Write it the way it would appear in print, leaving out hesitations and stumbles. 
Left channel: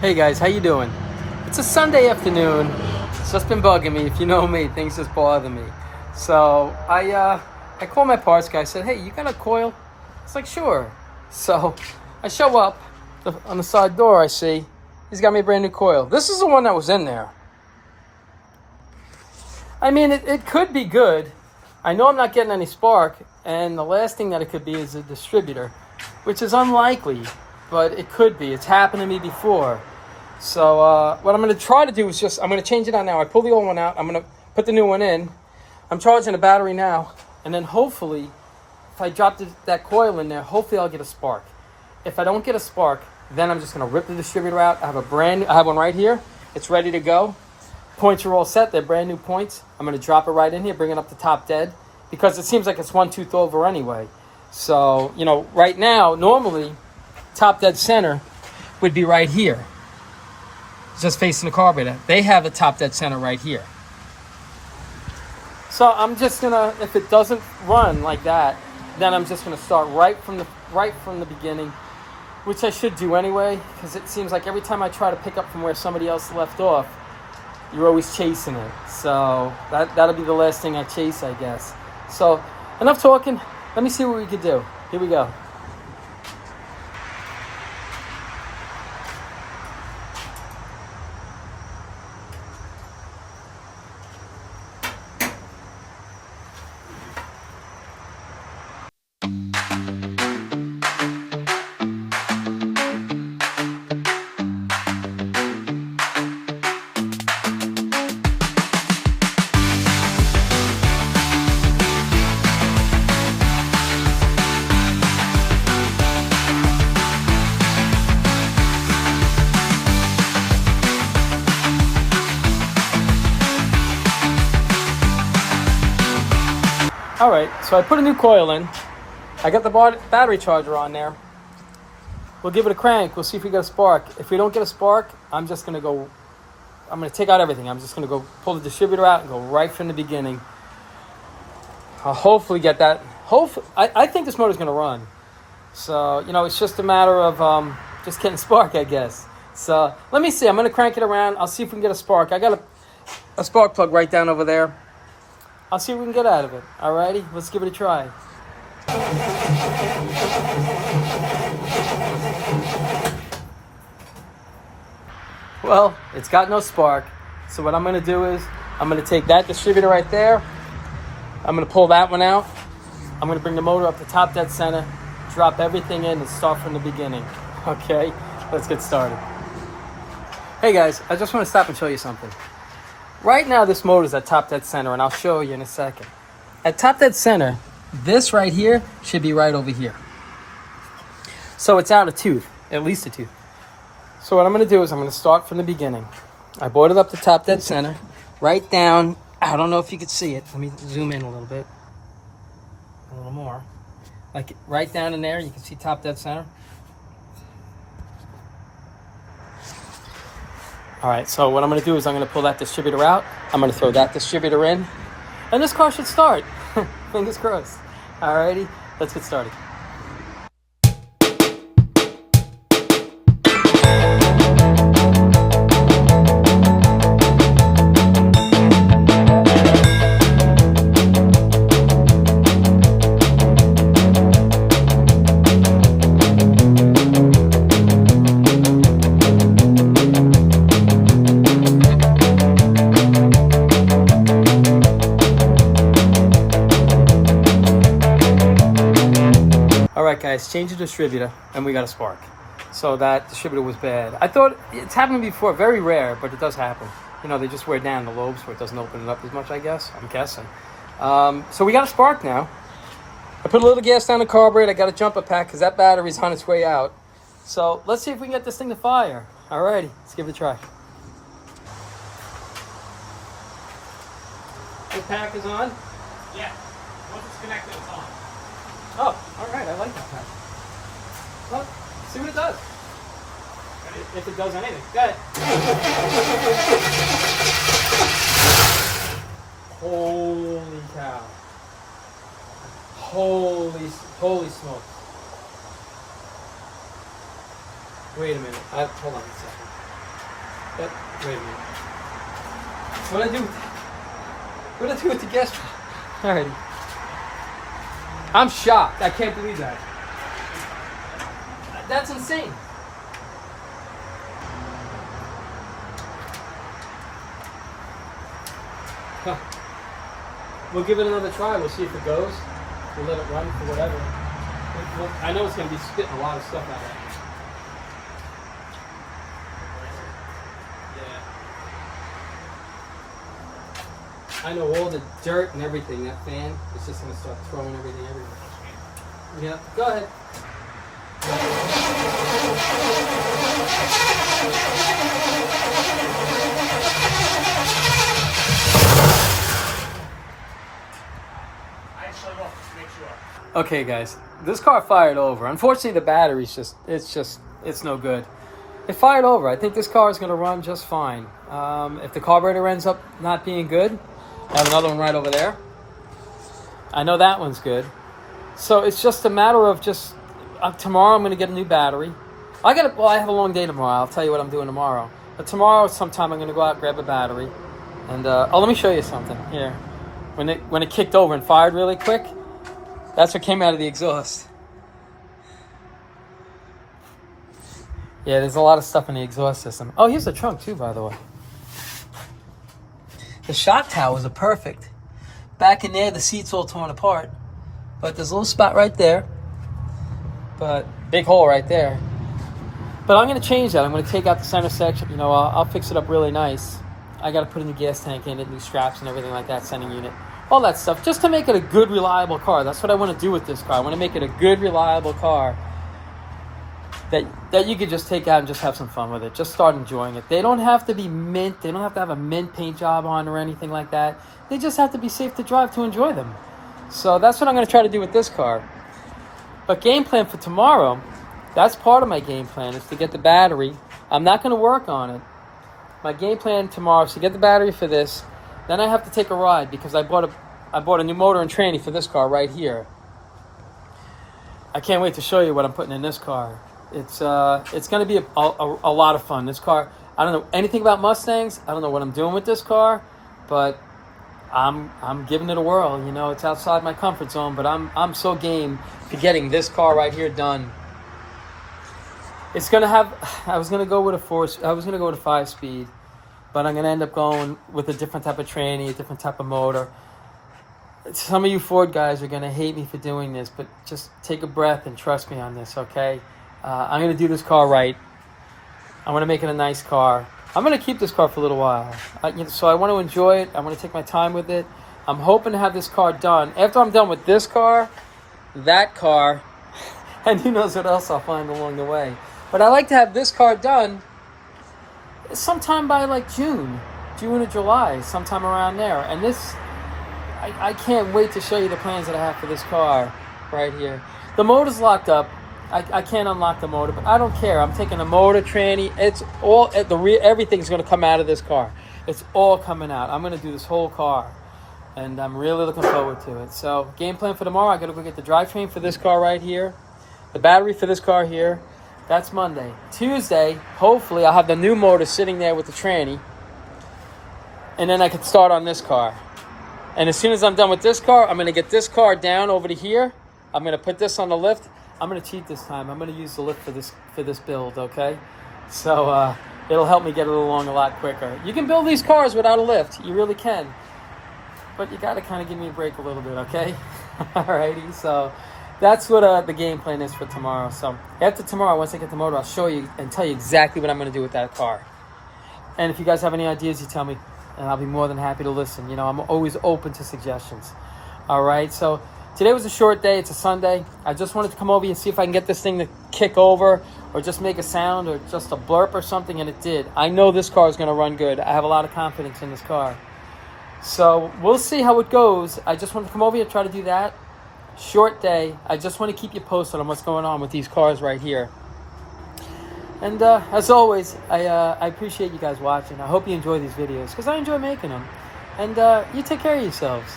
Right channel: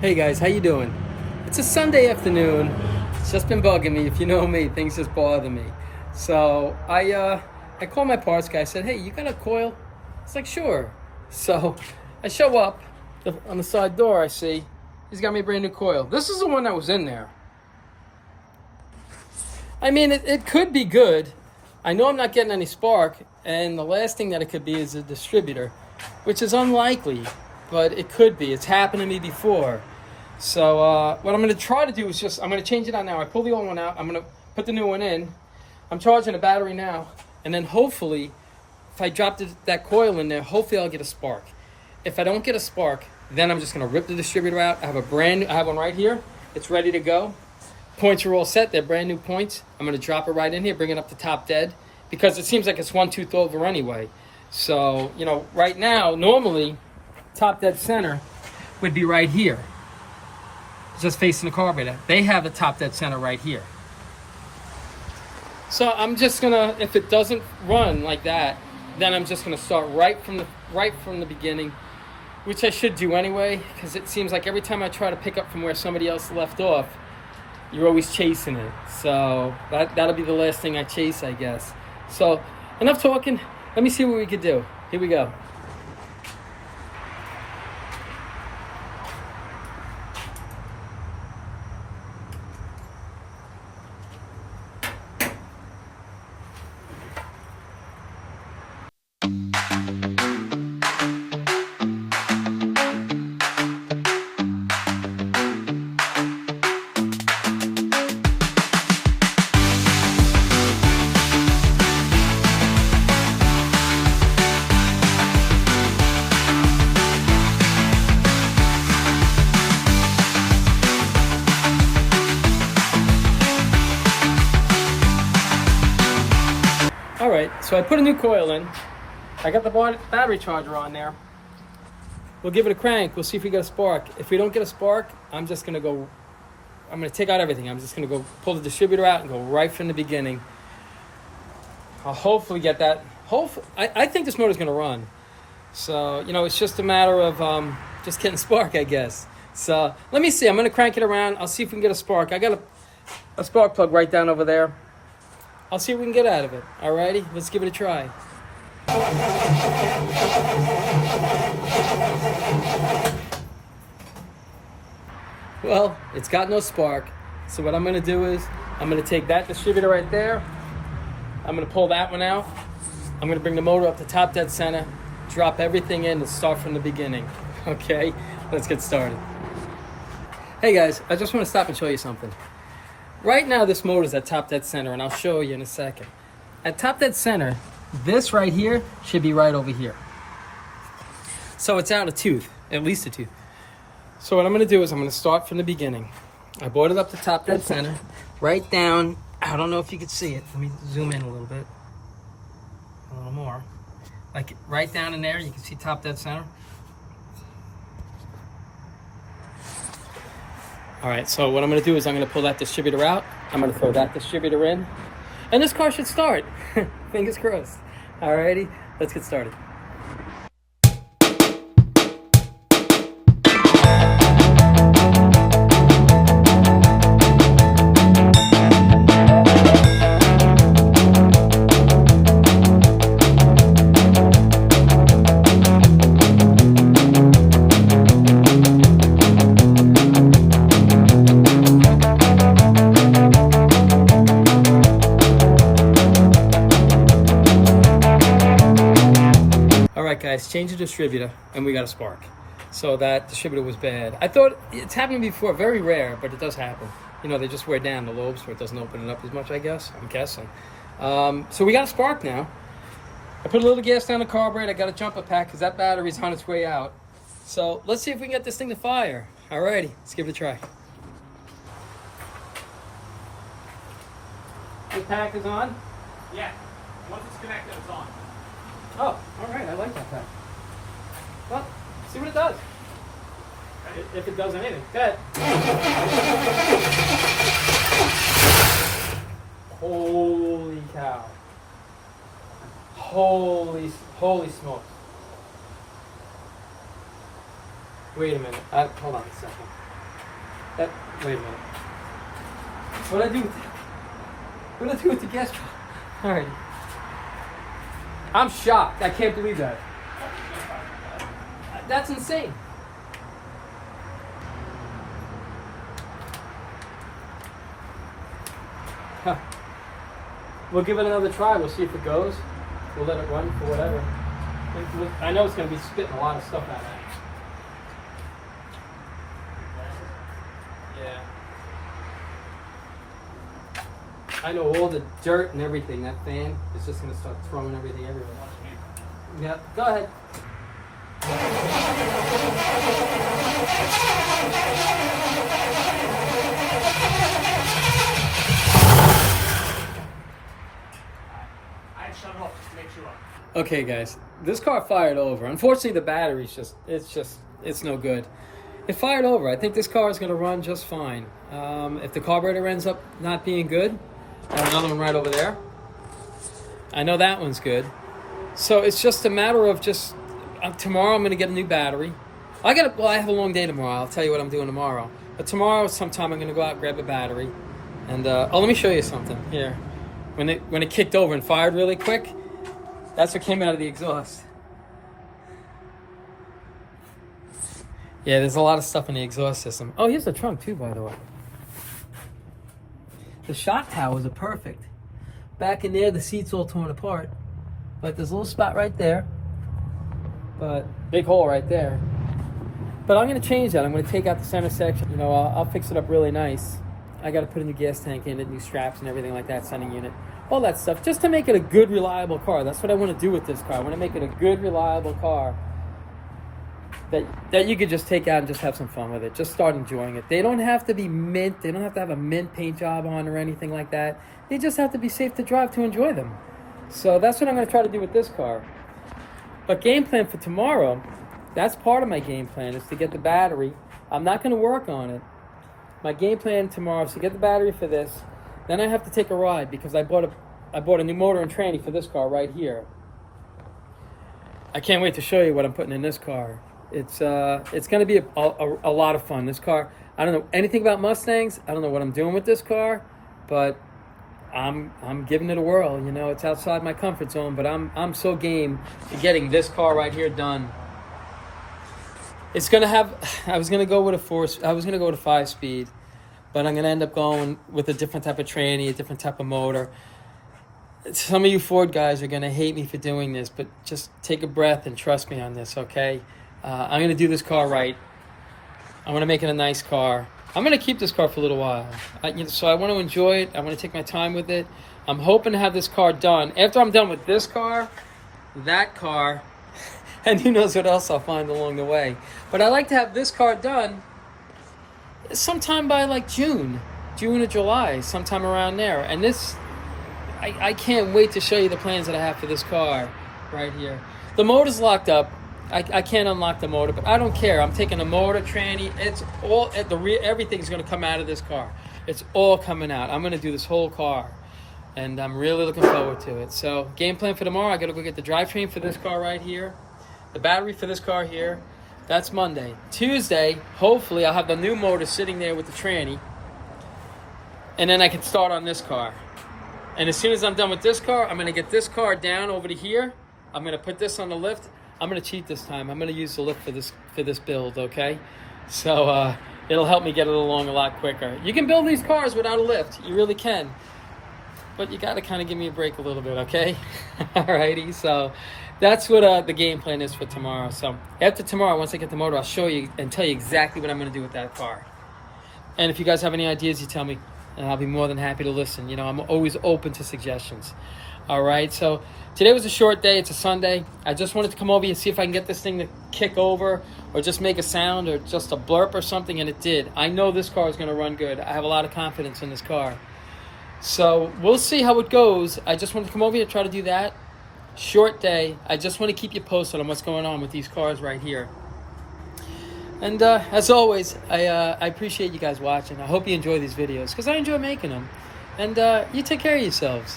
Hey guys, how you doing? It's a Sunday afternoon. It's just been bugging me. If you know me, things just bother me. So I called my parts guy. I said, "Hey, you got a coil?" It's like, "Sure." So I show up on the side door. I see he's got me a brand new coil. This is the one that was in there. I mean, it could be good. I know I'm not getting any spark, and the last thing that it could be is a distributor, which is unlikely, but it could be. It's happened to me before. So what I'm going to try to do is I'm going to change it on now. I pull the old one out. I'm going to put the new one in. I'm charging the battery now. And then hopefully, if I drop that coil in there, hopefully I'll get a spark. If I don't get a spark, then I'm just going to rip the distributor out. I have one right here. It's ready to go. Points are all set. They're brand new points. I'm going to drop it right in here, bring it up to top dead, because it seems like it's one tooth over anyway. So, right now, normally, top dead center would be right here, just facing the carburetor. They have a top dead center right here. So I'm just gonna, if it doesn't run like that, then I'm just gonna start right from the beginning, which I should do anyway, because it seems like every time I try to pick up from where somebody else left off, you're always chasing it. So that'll be the last thing I chase, I guess. So enough talking. Let me see what we could do. Here we go. All right, so I put a new coil in. I got the battery charger on there. We'll give it a crank. We'll see if we get a spark. If we don't get a spark, I'm going to take out everything. I'm just going to go pull the distributor out and go right from the beginning. I'll hopefully get that. I think this motor's going to run. So, it's just a matter of just getting a spark, I guess. So, let me see. I'm going to crank it around. I'll see if we can get a spark. I got a spark plug right down over there. I'll see what we can get out of it. Alrighty, let's give it a try. Well, it's got no spark. So what I'm going to do is, I'm going to take that distributor right there. I'm going to pull that one out. I'm going to bring the motor up to top dead center, drop everything in, and start from the beginning. Okay, let's get started. Hey guys, I just want to stop and show you something. Right now, this motor is at top dead center, and I'll show you in a second. At top dead center, this right here should be right over here. So it's out a tooth, at least a tooth. So what I'm going to do is I'm going to start from the beginning. I brought it up to top dead center, right down. I don't know if you can see it. Let me zoom in a little bit. A little more. Like right down in there, you can see top dead center. All right, so what I'm going to do is I'm going to pull that distributor out. I'm going to throw that distributor in. And this car should start. Fingers crossed. All righty, let's get started. Alright guys, change the distributor and we got a spark. So that distributor was bad. I thought it's happened before, very rare, but it does happen. They just wear down the lobes where it doesn't open it up as much, I guess. I'm guessing. So we got a spark now. I put a little gas down the carburetor. I got a jumper pack because that battery's on its way out. So let's see if we can get this thing to fire. Alrighty, let's give it a try. The pack is on? Yeah. Once it's connected, it's on. Oh, alright, I like that pack. Well, see what it does. If it does anything. Good. Holy cow. Holy smokes. Wait a minute. Hold on a second. Wait a minute. What do I do? What do I do with the gas? Alrighty. I'm shocked. I can't believe that. That's insane. Huh. We'll give it another try. We'll see if it goes. We'll let it run for whatever. I know it's going to be spitting a lot of stuff out of it. Yeah. I know all the dirt and everything. That fan is just going to start throwing everything everywhere. Yeah. Go ahead. Okay, guys, this car fired over. Unfortunately, the battery's it's no good. It fired over. I think this car is going to run just fine. If the carburetor ends up not being good, I have another one right over there. I know that one's good. So it's just a matter of just tomorrow I'm going to get a new battery. I have a long day tomorrow. I'll tell you what I'm doing tomorrow. But tomorrow sometime I'm going to go out and grab a battery. And let me show you something here. When it kicked over and fired really quick, that's what came out of the exhaust. Yeah, there's a lot of stuff in the exhaust system. Oh, here's the trunk too, by the way. The shock towers are perfect. Back in there, the seat's all torn apart. But there's a little spot right there. But big hole right there. But I'm going to change that. I'm going to take out the center section. You know, I'll fix it up really nice. I got to put a new gas tank in it, new straps and everything like that, sending unit. All that stuff, just to make it a good, reliable car. That's what I want to do with this car. I want to make it a good, reliable car that you could just take out and just have some fun with it. Just start enjoying it. They don't have to be mint. They don't have to have a mint paint job on or anything like that. They just have to be safe to drive to enjoy them. So that's what I'm going to try to do with this car. But game plan for tomorrow, that's part of my game plan, is to get the battery. I'm not going to work on it. My game plan tomorrow is to get the battery for this. Then I have to take a ride because I bought a new motor and tranny for this car right here. I can't wait to show you what I'm putting in this car. It's going to be a lot of fun. This car, I don't know anything about Mustangs. I don't know what I'm doing with this car, but I'm giving it a whirl. You know, it's outside my comfort zone, but I'm so game to getting this car right here done. It's going to have, I was going to go with a 5-speed. But I'm going to end up going with a different type of tranny, a different type of motor. Some of you Ford guys are going to hate me for doing this, but just take a breath and trust me on this, okay? I'm going to do this car right. I want to make it a nice car. I'm going to keep this car for a little while. So I want to enjoy it. I want to take my time with it. I'm hoping to have this car done. After I'm done with this car, that car, and who knows what else I'll find along the way. But I like to have this car done sometime by like June or July, sometime around there. And this, I can't wait to show you the plans that I have for this car right here. The motor's locked up. I can't unlock the motor, but I don't care. I'm taking a motor, tranny. It's all everything's going to come out of this car. It's all coming out. I'm going to do this whole car, and I'm really looking forward to it. So game plan for tomorrow, I got to go get the drivetrain for this car right here, the battery for this car here. That's Monday. Tuesday, hopefully, I'll have the new motor sitting there with the tranny. And then I can start on this car. And as soon as I'm done with this car, I'm going to get this car down over to here. I'm going to put this on the lift. I'm going to cheat this time. I'm going to use the lift for this build, okay? So it'll help me get it along a lot quicker. You can build these cars without a lift. You really can. But you got to kind of give me a break a little bit, okay? Alrighty, so that's what the game plan is for tomorrow. So after tomorrow, once I get the motor, I'll show you and tell you exactly what I'm going to do with that car. And if you guys have any ideas, you tell me, and I'll be more than happy to listen. You know, I'm always open to suggestions. All right, so today was a short day. It's a Sunday. I just wanted to come over here and see if I can get this thing to kick over or just make a sound or just a blurp or something, and it did. I know this car is going to run good. I have a lot of confidence in this car. So we'll see how it goes. I just wanted to come over here and try to do that. Short day. I just want to keep you posted on what's going on with these cars right here. And as always, I appreciate you guys watching. I hope you enjoy these videos because I enjoy making them. And you take care of yourselves.